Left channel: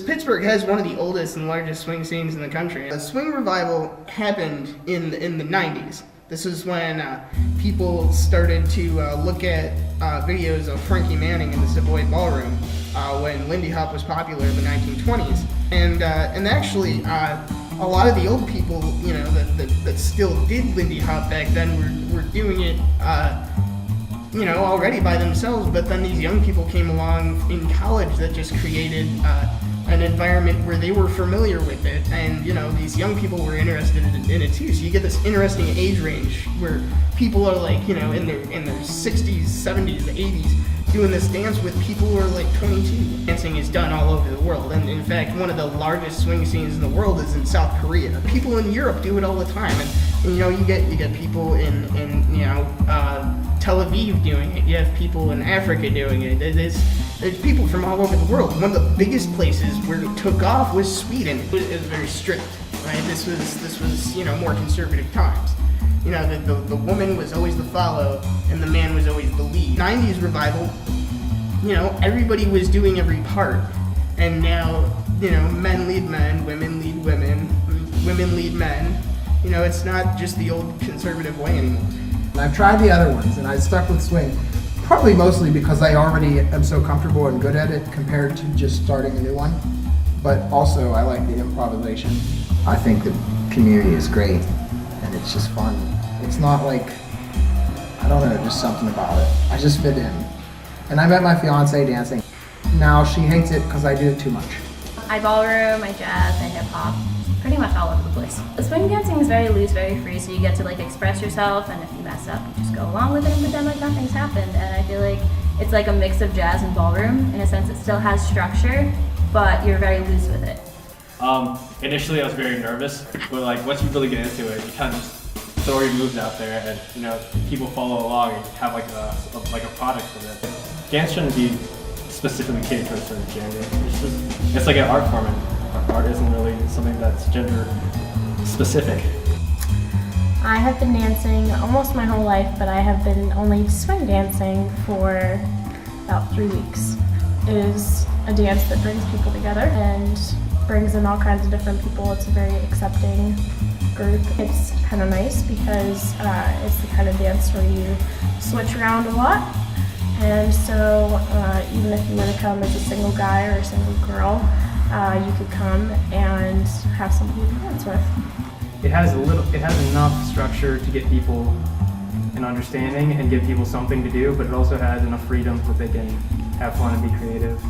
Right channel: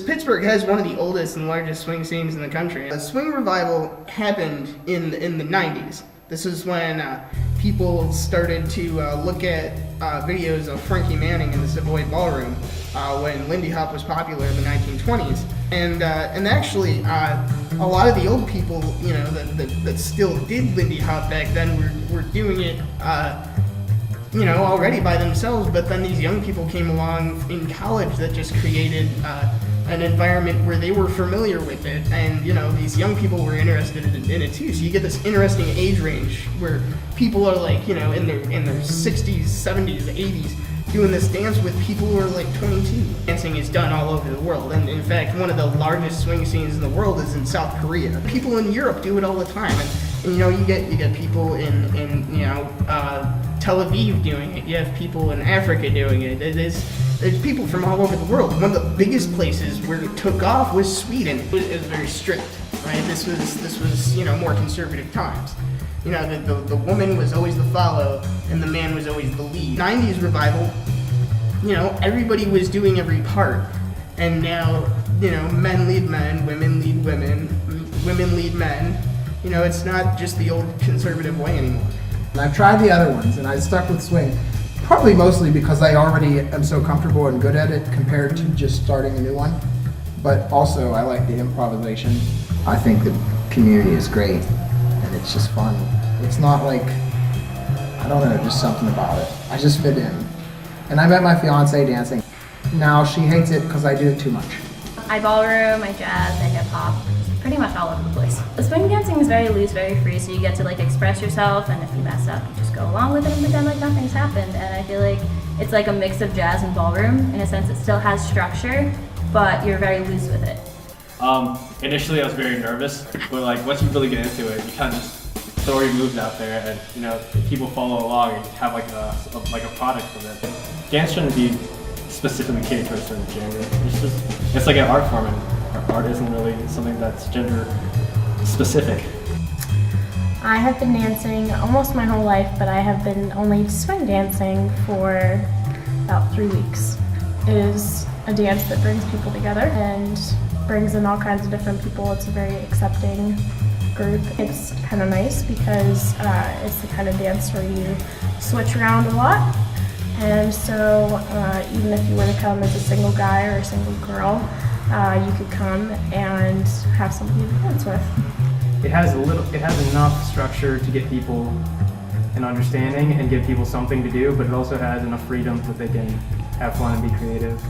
Pittsburgh has one of the oldest and largest swing scenes in the country. The swing revival happened in the 90s. This is when people started to look at videos of Frankie Manning in the Savoy Ballroom when Lindy Hop was popular in the 1920s. And actually, a lot of the old people, that still did Lindy Hop back then were doing it, already by themselves. But then these young people came along in college that just created an environment where they were familiar with it, and these young people were interested in it too. So you get this interesting age range where people are like in their 60s, 70s, 80s doing this dance with people who are like 22. Dancing is done all over the world, and in fact one of the largest swing scenes in the world is in South Korea. People in Europe do it all the time, and you get people in Tel Aviv doing it. You have people in Africa doing it. There's people from all over the world. One of the biggest places where it took off was Sweden. It was very strict, right? This was more conservative times. The woman was always the follow, and the man was always the lead. 90s revival, everybody was doing every part, and now men lead men, women lead women, women lead men. It's not just the old conservative way anymore. And I've tried the other ones, and I stuck with swing. Probably mostly because I already am so comfortable and good at it compared to just starting a new one. But also I like the improvisation. I think the community is great and it's just fun. It's not like, I don't know, just something about it. I just fit in. And I met my fiance dancing. Now she hates it because I do it too much. I ballroom, I jazz, I hip hop. Pretty much all over the place. The swing dancing is very loose, very free, so you get to express yourself, and if you mess up, you just go along with it and pretend like nothing's happened. And I feel like it's like a mix of jazz and ballroom. In a sense, it still has structure, but you're very loose with it. Initially I was very nervous, but once you really get into it, you kind of just throw your moves out there, and people follow along and have a product from it. Dance shouldn't be specifically catered to a certain gender. It's like an art form, and art isn't really something that's gender specific. I have been dancing almost my whole life, but I have been only swing dancing for about 3 weeks. It is a dance that brings people together and brings in all kinds of different people. It's a very accepting group. It's kind of nice because it's the kind of dance where you switch around a lot. And so even if you were to come as a single guy or a single girl, you could come and have somebody to dance with. It has enough structure to get people an understanding and give people something to do, but it also has enough freedom that they can have fun and be creative.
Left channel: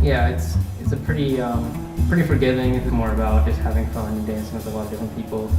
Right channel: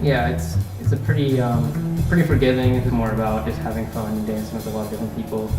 Yeah, it's a pretty forgiving. It's more about just having fun and dancing with a lot of different people.